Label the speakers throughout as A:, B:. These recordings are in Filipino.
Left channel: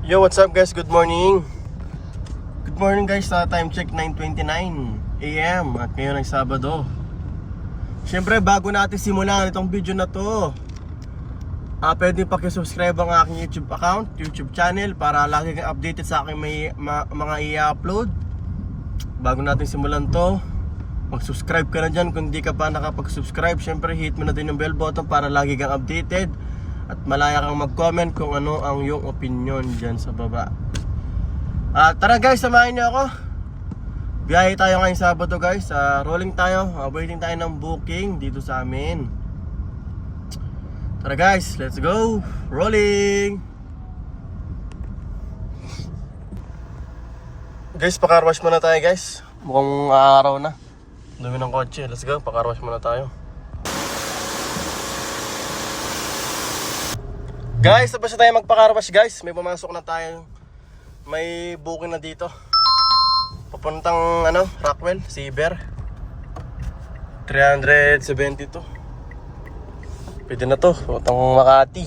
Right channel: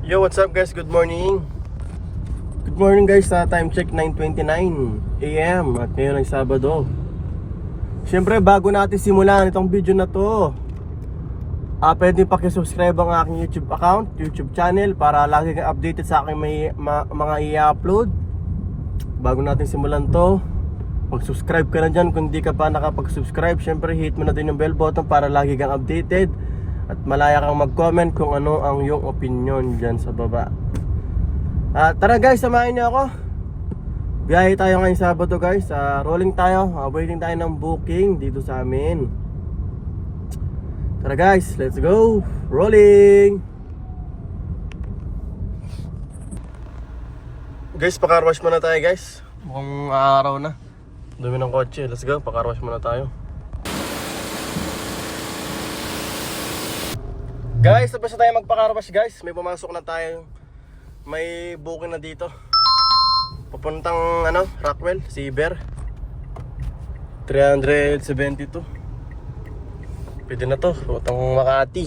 A: Yo, what's up guys? Good morning. Good morning guys. Sa time check 9:29 AM at ngayon ay Sabado. Siyempre, bago natin simulan itong video na to, ah pwede paki-subscribe ang aking YouTube account, YouTube channel para lagi kang updated sa aking may ma- mga i-upload. Bago natin simulan to, mag-subscribe ka na dyan kung di ka pa nakapag-subscribe. Siyempre, hit mo na din yung bell button para lagi kang updated at malaya kang mag-comment kung ano ang iyong opinion dyan sa baba. Ah, tara guys, samahin niyo ako. Biyahe tayo ngayong Sabado guys. Ah, rolling tayo. Ah, waiting tayo ng booking dito sa amin. Tara guys, let's go. Rolling. Guys, pakarwash muna tayo guys. Mukhang araw na. Dumi ng kotse. Let's go, pakarwash muna tayo. Guys, tapos na tayo magpakarwash guys. May pumasok na tayo. May booking na dito. Papuntang ano, Rockwell, Siber. 372. Pwede na to, papuntang Makati.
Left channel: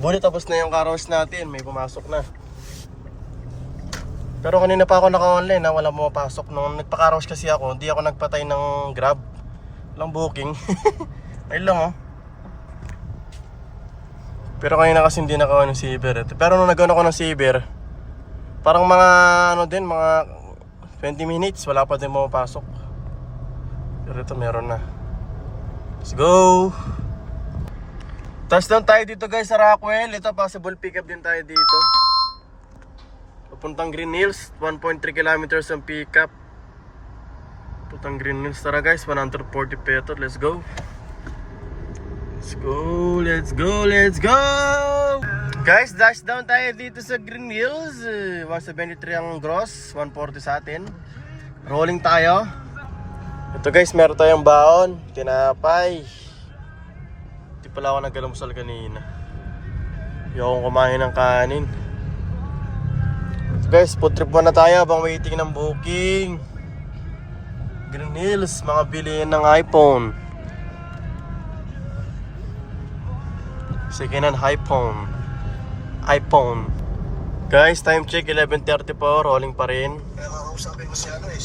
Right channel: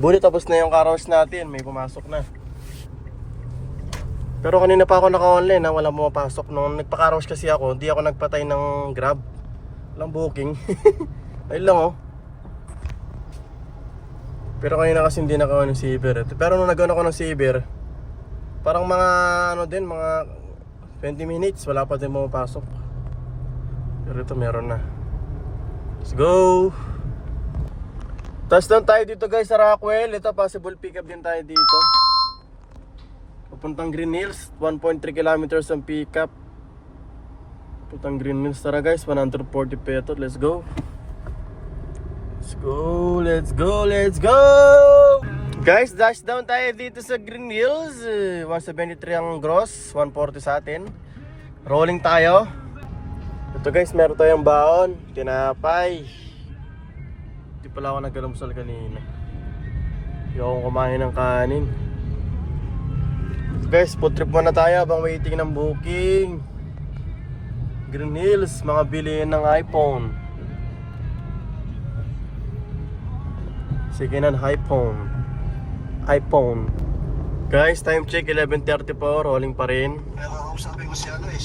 A: Bulit tapos na yung carwash natin, may pumasok na. Pero kanina pa ako naka-online na wala pumapasok. Nung nagpa-carwash kasi ako, hindi ako nagpatay ng grab. Walang booking. Ayun lang oh. Pero kanina kasi hindi nakawa ng Saber. Pero nung nag-on ako ng Saber, parang mga ano din, mga 20 minutes, wala pa din pumapasok. Pero ito meron na. Let's go! Touchdown tayo dito guys sa Rockwell. Ito possible pickup din tayo dito. Papuntang Green Hills, 1.3 kilometers ang pickup. Papuntang Green Hills. Tara guys, 140 pesos. Let's go. Let's go, let's go, let's go! Guys, dash down tayo dito sa Green Hills. Eh, 173 ang gross, 140 sa atin. Rolling tayo. Ito guys, meron tayong baon. Tinapay. Hindi pala ako nagalamusal kanina. Hindi akong kumain ng kanin. Guys, food trip muna tayo habang waiting ng booking. Green Hills, mga bilihin ng iPhone. Second hand iPhone. iPhone. Guys, time check 11.30 po, rolling pa rin.
B: Sabi ko sila no eh.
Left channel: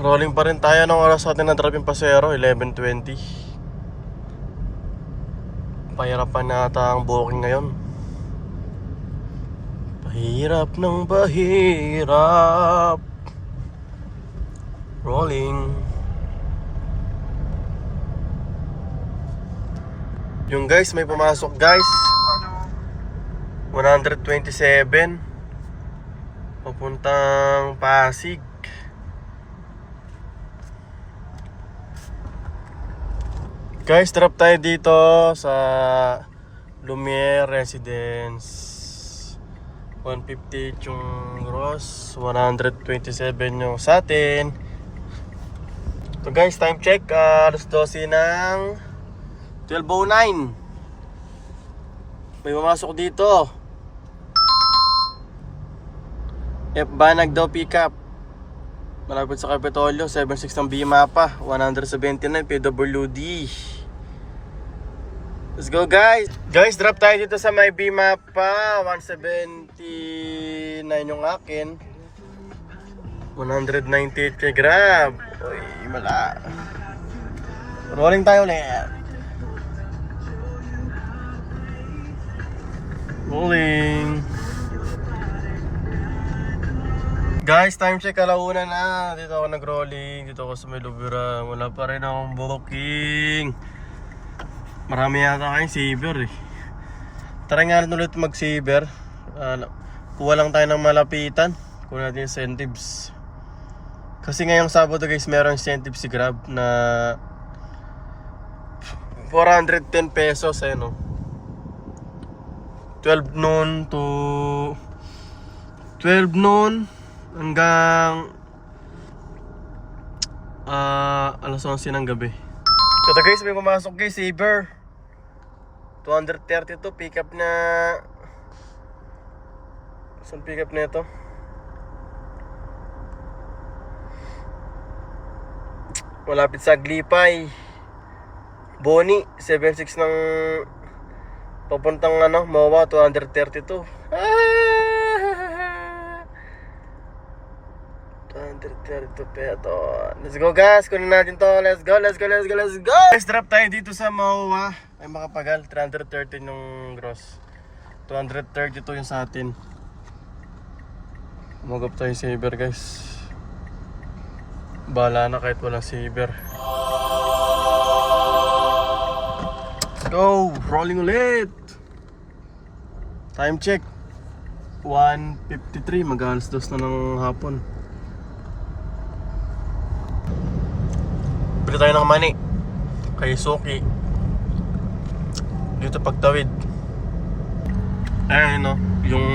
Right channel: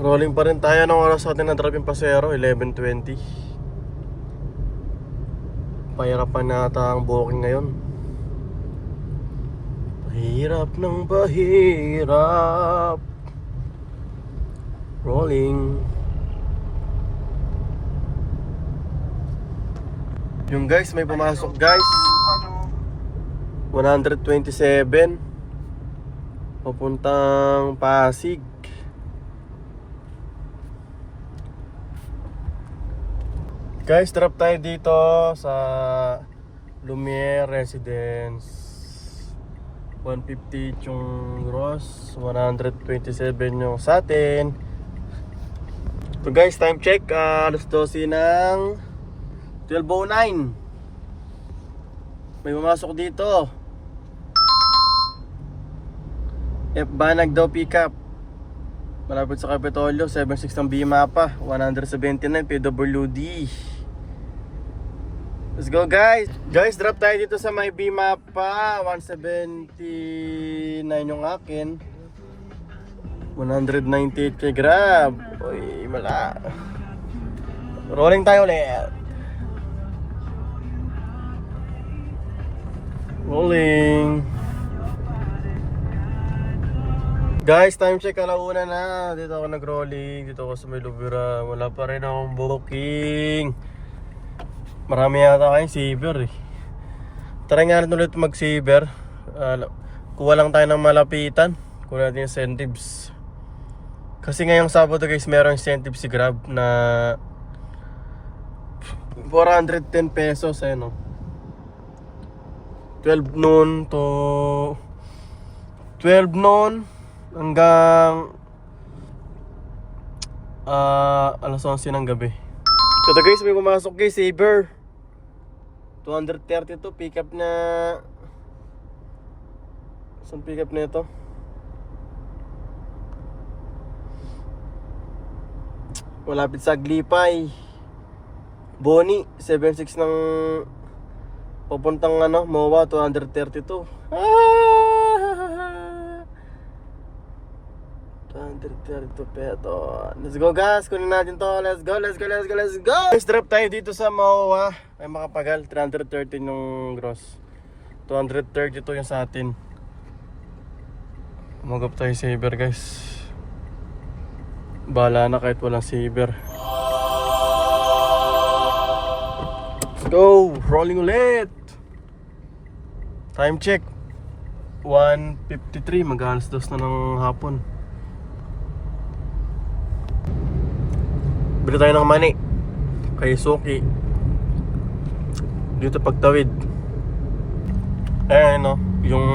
A: Rolling pa rin tayo ng oras natin na drop yung pasero, 11.20. Pahirapan nata ang booking ngayon. Pahirap ng pahirap. Rolling. Yung guys, may pumasok guys. 127 papuntang Pasig. Guys, drop tayo dito sa Lumiere Residence. 150 yung gross 127 yung sa So guys, time check ah, alas 12 ng 12.09 May pumasok dito. F Banag daw pickup. Malapit sa Kapitolyo 76 ng Bimapa 179 PWD Let's go guys! Guys drop tayo dito sa may Bimapa 179 yung akin. 198 kay Grab. Uy mala. Rolling tayo ulit Rolling Guys, time check alauna na. Dito ako nag-rolling. Dito ako sa may. Wala pa rin akong booking. Marami yata kayong saver eh. Tara nga ulit mag-saver. Uh, kuha lang tayo ng malapitan. Kuha natin incentives. Kasi ngayong Sabado guys, meron incentive si Grab na 410 pesos eh no. 12 noon to 12 noon hanggang ah alas 11 ng gabi. Ito guys, may pumasok kay Saber. 230 to, pick up na Saan pick up na ito? Malapit sa Glipay. Boni, 76 ng Papuntang ano, MOA 232. Ah! 232 peso. Let's go guys, kunin natin to. Let's go, let's go, let's go, let's go. Guys, drop tayo dito sa MOA. Ay makapagal, 330 yung gross. 232 yung sa atin. Magap tayo saver guys. Bahala na kahit walang saver. Let's go! Rolling ulit! Time check. 1.53. Mag-alas dos na ng hapon. Bili tayo ng mani. Kay Suki. Dito pagtawid. Eh, no? Yung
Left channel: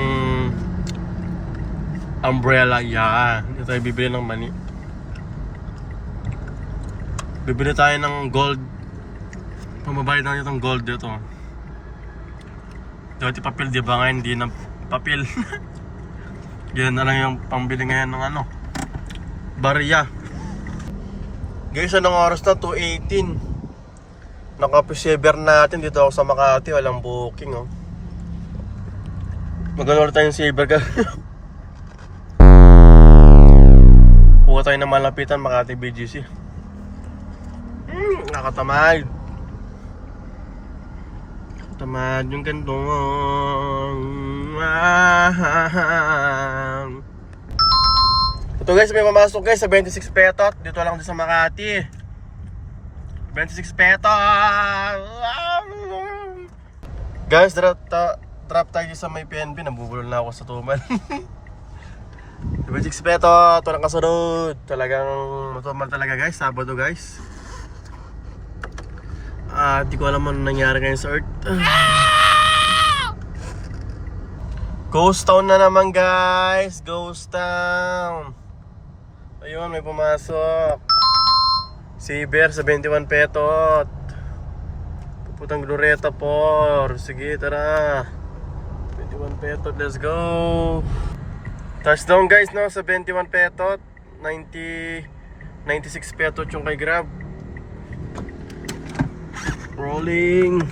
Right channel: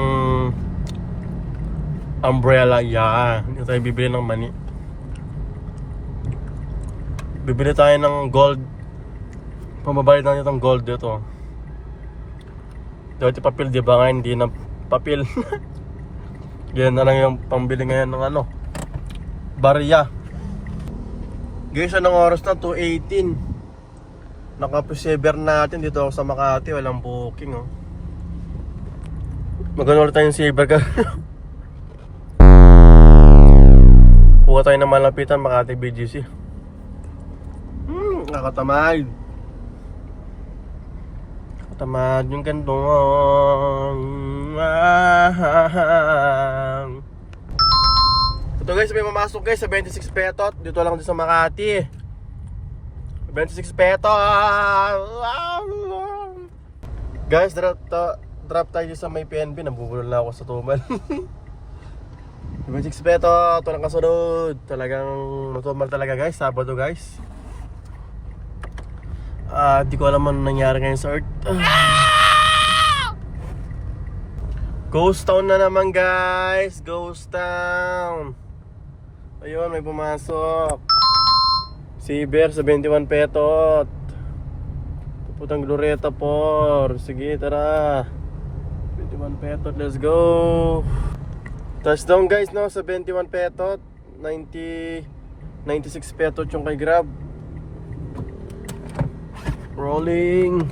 A: umbrella, yan. Dito tayo bibili ng mani. Bibili tayo ng gold. Pamabayad na itong gold dito. Dati papel, di ba nga? Hindi na papel. Yan na lang yung pambili ngayon ng ano. Barya. Guys, anong oras na? 2.18. Nakapisever natin dito ako sa Makati. Walang booking, oh. Magano ulit tayong saver ka. Tayo ng malapitan Makati BGC. Hmm, nakatamad. Nakatamad yung gantong. Ah. Ito guys, may mamasok guys sa 26 petot. Dito lang din sa Makati. 26 petot. Guys, drop, ta, drop tayo sa may PNB. Nabubulol na ako sa tumal. 26 petot. Ito lang kasunod. Talagang matumal talaga guys. Sabado guys. Ah, di ko alam ano nangyari ngayon sa Earth. Ghost Town na naman guys. Ghost Town. Ayun, may pumasok. Si Bear sa 21 petot. Puputang Glorieta por. Sige, tara. 21 petot, let's go. Touchdown guys, no? Sa 21 petot. 90... 96 petot yung kay Grab. Rolling.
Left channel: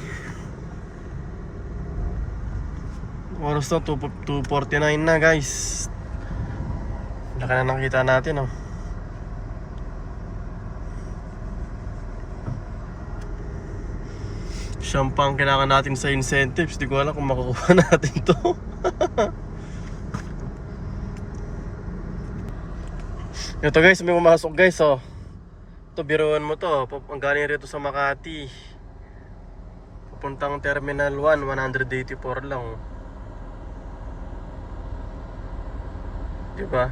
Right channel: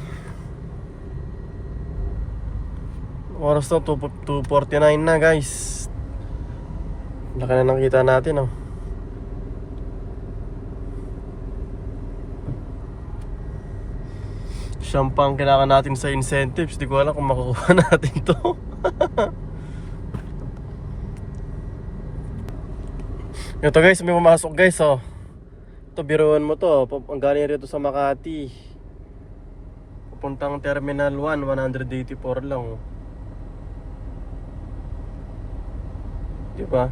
A: Oras na 2 2.49 na guys. Laki na nakita natin oh. Siyang pang kailangan natin sa incentives. Di ko alam kung makukuha natin to. Ito guys, may pumasok guys oh. Ito biruan mo to. Pap- Ang galing rito sa Makati. Papuntang Terminal 1, 184 lang oh. Di ba?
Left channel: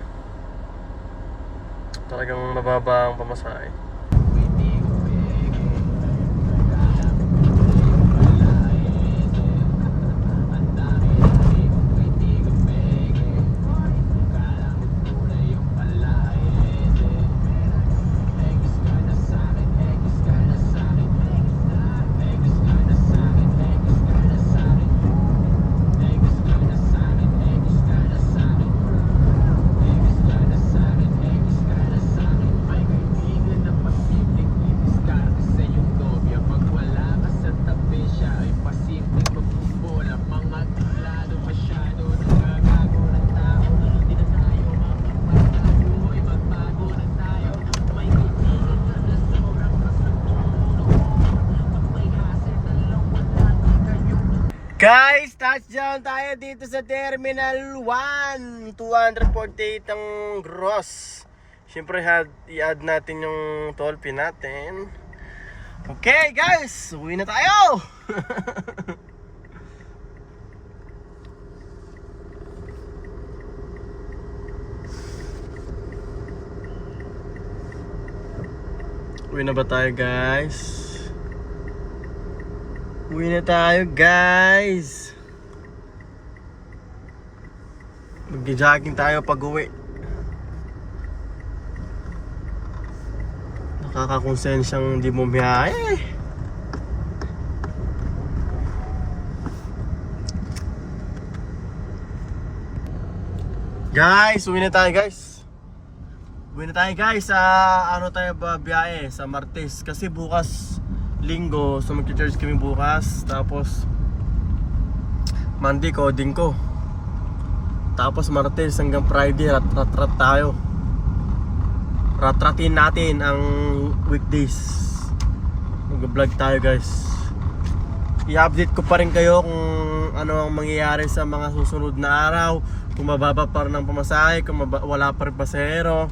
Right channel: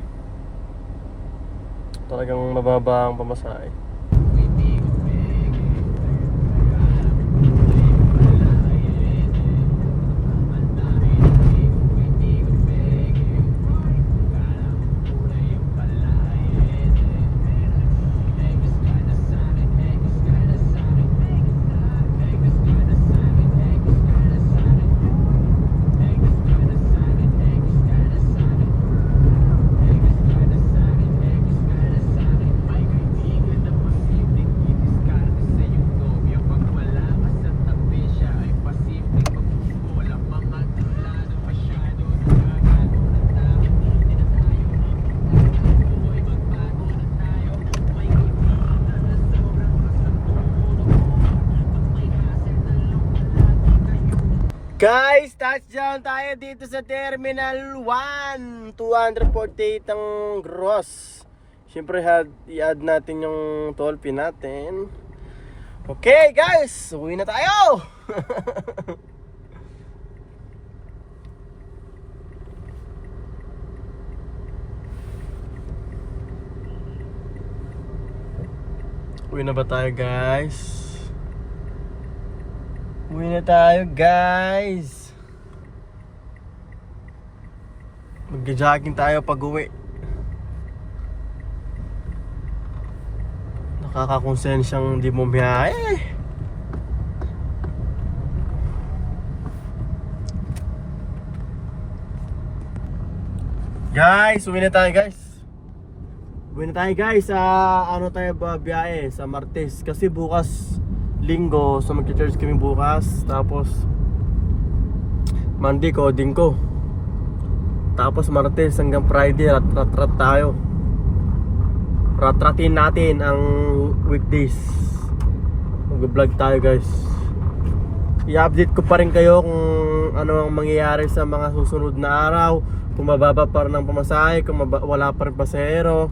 A: Talagang mababa ang pamasahe. Guys, touchdown tayo dito sa Terminal 1 248 ang gross Siyempre, i-add natin yung toll fee natin Okay guys, uwi na tayo! uwi na ba tayo guys? Uwi na tayo guys. Mag-jogging tayo pag uwi. Nakakakonsensyang di mo biyahe Guys, uwi na tayo guys. Uwi na tayo guys sa ano tayo ba biyahe? Sa Martes. Kasi bukas linggo so magcha-charge kami bukas tapos Monday coding ko. Tapos Martes hanggang Friday rat rat rat tayo. Ratratin natin ang weekdays. Mag-vlog tayo guys. I-update ko pa rin kayo kung ano ang mangyayari sa mga susunod na araw. Kung mababa pa rin ang pamasahe, kung wala pa rin pasahero.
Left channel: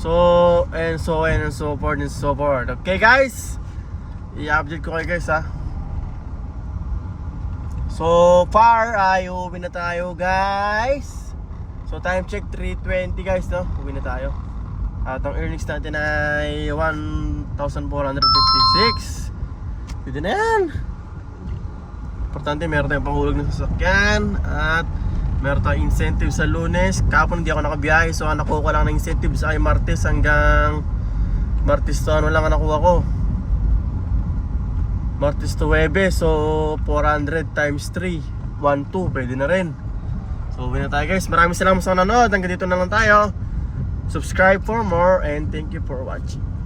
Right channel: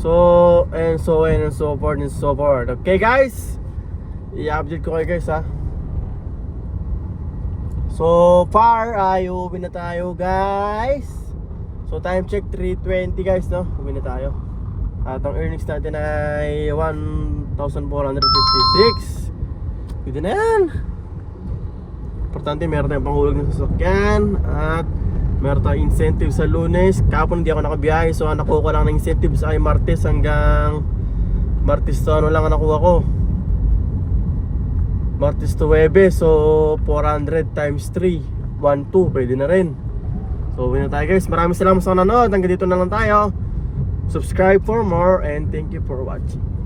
A: So, and so and so forth and so forth. Okay guys? I-update ko kayo guys ha. So far ay uwi na tayo guys. So time check 3.20 guys no. Uwi na tayo. At ang earnings natin ay 1,456. Pwede na yan. Importante meron tayong panghulog ng sasakyan at meron tayong incentive sa lunes. Kapon hindi ako nakabiyahe so nakuha ko lang ng incentives ay Martes hanggang Martes to ano lang ang nakuha ko. Martes to Webe so 400 times 3 1, 2 pwede na rin. So uwi tayo guys. Maraming salamat sa nanonood. Hanggang dito na lang tayo. Subscribe for more and thank you for watching